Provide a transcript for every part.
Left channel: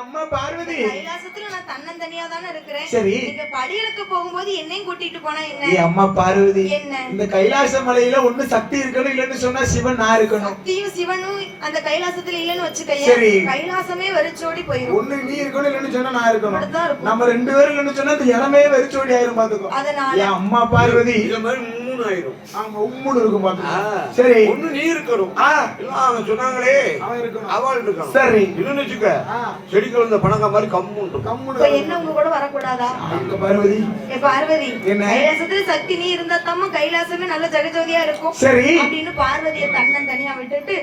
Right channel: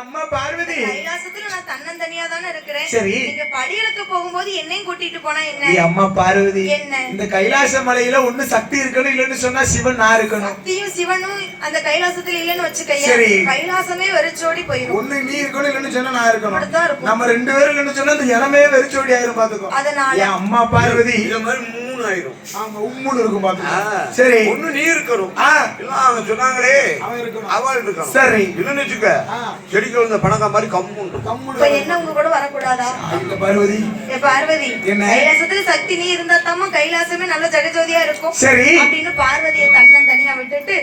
அம்மா பார்வதி. கைலாசத்துல நான் தன்னந்தனியா தானே இருக்கிறேன். சரி. நீங்க படிகளுக்கு போகும்போது என்னையும் கூட்டிட்டு போனா என்ன? அம்மா பார்வதி என்ன? இந்த கைலாச மலையில ஒண்ணு சக்தி இருக்கணும் இல்லன்னு சொன்னா சிவன் நான் இருக்கணும். சக்தியும் சிவனும் அந்த கைலாசத்துல இல்லன்னு வச்சுக்கையா சரி. கைலாசமே வெறிச்சோடி போயிடும் ஒண்ணு நீ இருக்கணும் இல்லன்னு சொன்னா நான் இருக்கணும். நம்ம ரெண்டு பேரும் இல்லன்னு சொன்னா அந்த இளமே வெறிச்சோடி ஆயிரும் பாத்துக்கோ. அதனால என் அம்மா பார்வதி. இந்த மாதிரி மூணு ஆயிரும் ஆமா உம்முன்னு இருக்கும் பாத்துக்கோ ஆ. சரி. ஒண்ணு நீ இருக்கணும். ஆ. இல்ல அவங்க சொன்னாங்களே. அவன் இருக்கணும். அவள் இருக்கணும். சரி. இல்லன்னு வச்சுக்க ஆ. செடிக்கு வந்த பணக்கா மாதிரி கம்மு இருக்கும் இப்ப கம்முன்னு என்ன உங்க கூட வரக்கூடாதா? இந்த பார்வதி. ஏ பார்வதி. என்ன? கைலாசத்துல சக்தி நீ இருந்தா தாமா கைலாசமே நல்ல ஜெகஜோதியா இருக்கும். சரி. அப்படின்னு பார்வதியை தன்னன் தனியா விட்டுட்டு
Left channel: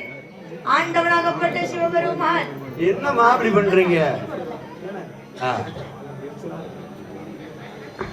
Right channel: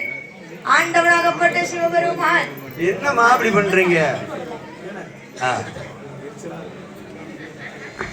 ஆண்டவனாகப்பட்ட சிவபெருமான். என்னம்மா அப்படி பண்றீங்க? ஆ.